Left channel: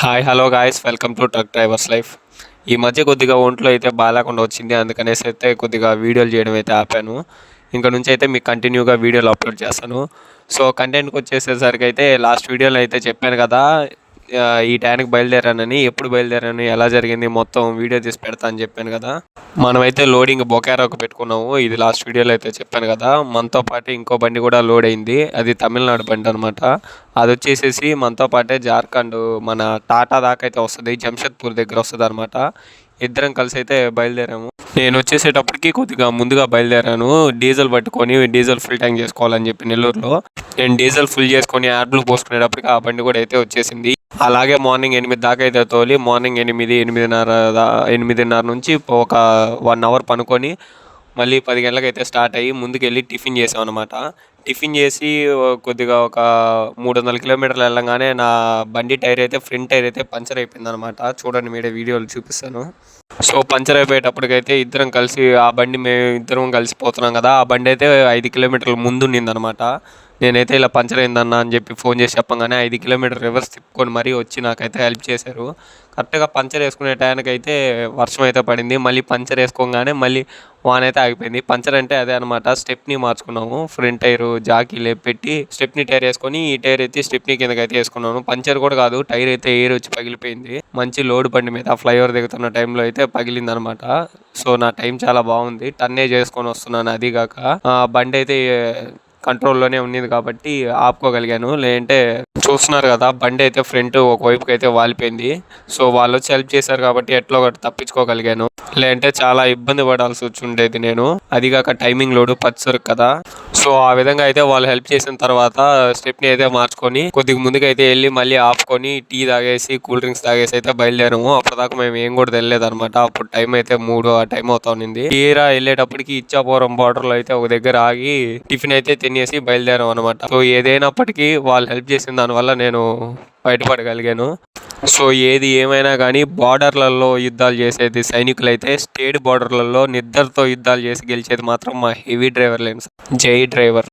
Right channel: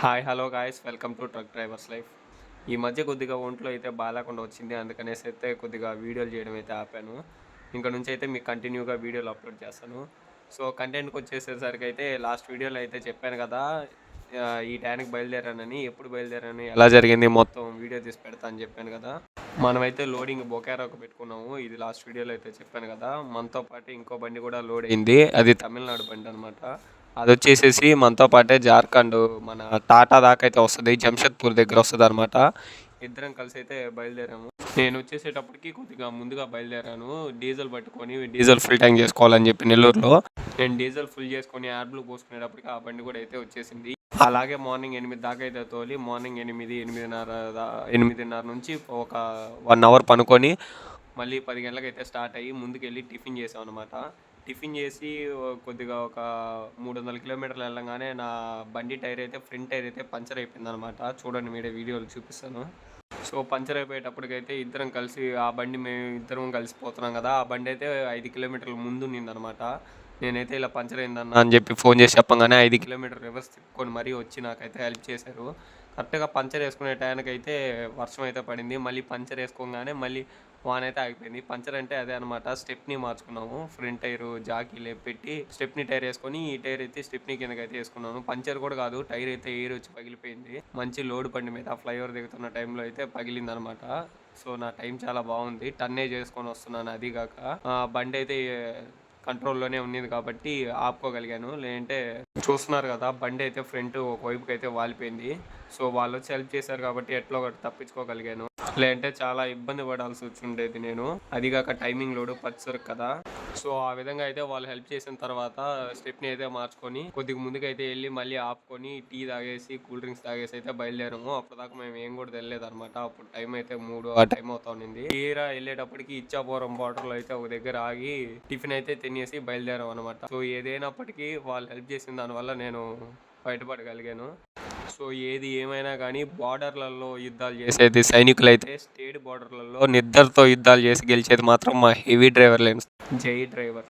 Hi hello guys welcome to truck drivers life. ఈ మధ్య కొద్దిగా ఒంట్లో అయితే బాగాలేకుండా వచ్చింది, అందుకనేసి అయితే కొద్దిగా వీడియోలు చేయడం అయితే ఆపాను. ఇంకా నుంచి అయితే మీకు కంటిన్యూగా వీడియోలు అప్లోడ్ చేస్తాను. సో కంటెంట్కి వచ్చేసేసరికి అయితే లాస్ట్ వీడియోలో అయితే చెప్పాను కదా, ఈ టైంకి బయలుదేరానని. ఎప్పుడు బయలుదేరాను, ఎలా జరిగింది, మొత్తం వీడియో తీసి పెడతా అని చెప్పాను కదా. మనమైతే లోడింగ్ బొకారోకి పెట్టుకున్నాము. ఇది లాస్ట్ వీడియోలో అయితే చెప్పాను కదా. మనతో పాటు ఇంకో బండి కూడా లోడ్ అయింది, అది తమిళనాడు బండి అనమాట. అది వచ్చేసేసి మనతో పాటే జార్ఖండ్ మన టాటా దాకా అయితే వస్తుంది, జంషెద్పూర్ దగ్గర వస్తుంది అనమాట. ఇద్దరం కలిసి అయితే బయలుదేరాము. నేను వచ్చేసేటప్పటికి కొద్దిగా ముందుగా బయలుదేరాను, డీజిల్ పట్టుకొని డీజిల్ ఫుల్ ట్యాంక్ చేసుకోవాలని చెప్పి నెల్లూరులో. నేను డీజిల్ ఫుల్ చేసుకొని యాడ్లు పోసుకునేటప్పటికి ఆ బండి కూడా అయితే వచ్చేసింది. అలాగే మార్నింగ్ 8 దాకా అయితే తోలి, మార్నింగ్ 8 8:30 నుంచి ఒక 1 అవర్ పనుకొని మళ్ళీ 10 గంటలకు అయితే స్టార్ట్ అయ్యి ముందుకెళ్ళి టిఫిన్ చేసాం అనమాట. టిఫిన్ చేసి కొద్దిగా ఒక 300 కిలోమీటర్లు వెళ్ళంగానే నా బండి టైర్ అయితే, ఫ్రంట్ టైర్ అయితే పంచర్ అయిపోయింది అనమాట. చూడండి, మీడే వీడియోలు చూపిస్తాను. సో పంచర్ అయిపోయేటప్పటికైతే ఇద్దరం కలిసి, ఆ బండి మేము ఇద్దరం కలిసిపోతున్నాం కదా, ఆ బండి అయితే 5 కిలోమీటర్ల ముందు ఉన్నిందనమాట. నేనైతే ఇలా పంచర్ అయిందన్న అని చెప్పి ఫోన్ చేసి చెప్పగానే 5 కిలోమీటర్ రివర్స్ తిప్పుకొని మరీ వచ్చి నాకైతే హెల్ప్ చేశారు. కరెక్ట్గా పంచర్ వేసుకునే టైంకి అయితే వర్షం అయితే పడింది. మళ్ళీ పంచర్ వేసుకోగానే మళ్ళీ వాన అయితే ఆగిపోయింది. పంచర్ అంటే అదే అనమాట, స్టెప్నీ మార్చుకున్నాము. ఫ్రంట్ టైరు జాకీ పెట్టి స్టెప్నీ టైర్ వేసుకొని ఈ టైర్ అయితే స్టెప్నీ కిందకి అయితే వేసుకున్నాను. పంచర్ కూడా కాదు, టైర్ అయితే ఎయిర్ వచ్చి పగిలిపోయింది. మంచి లోడ్ బండి మీద ఫ్లైఓవర్ దిగుతున్న టైంలో అయితే పగిలింది అనమాట. సో నా టైం చాలా బాగుంది, టన్నే చేసుకొని వస్తున్నాను. అదిగాక బండి అయితే కంట్రోల్లోనే ఉన్నది కాబట్టి ఆపుకోగలిగాను. లేదంటే చూస్తున్నారు కదా, బండి అయితే ఫ్రంట్ ఒకవైపుకి అయితే వాలిపోయింది. సో వాళ్ళు వచ్చి హెల్ప్ చేశారు కాబట్టి ఎట్లా ఒకటి తప్పించుకోగలిగాను. లేదంటే చాలా ఇబ్బంది పడాల్సి వచ్చి ఉండేది నేను. అదిగాక టైమింగ్ లోడు పచ్చరు కదా. సో ఆ విధంగా అయితే వాళ్ళు హెల్ప్ చేసిన తర్వాత స్టెప్ని అయితే మార్చుకొని కొద్దిగా ముందుకైతే వెళ్ళి మళ్ళీ ఆపుకొని టీ తాగేసి కూల్ డ్రింక్స్ తాగేసి అయితే బయలుదేరాము. అప్పటిదాకా మేము ఏం కూడా తెలియలేదు అనమాట. అప్పుడు టైం అయితే 3 ఆ టైం అవుతా ఉన్నింది. తీరా వెళ్ళేటప్పటికి ఇచ్చాపురం బార్డర్లో అయితే ఒక దగ్గర ఆగి టిఫిన్ అయితే తినేసి బయలుదేరాం అనమాట. సో ఏదైనప్పటికీ వాళ్ళు హెల్ప్ చేసిన దానివల్ల నేను బయటపడగలిగాను. సో ఏది ఏమైనా కానీ బార్డర్లలో యుద్ధాలు చేసేది సైనికులైతే, స్టేట్ బార్డర్లలో నిద్దరితో యుద్ధాలు చేసి గెలిచేది మాత్రం మా హెవీ డ్రైవర్లేను. జై డ్రైవర్.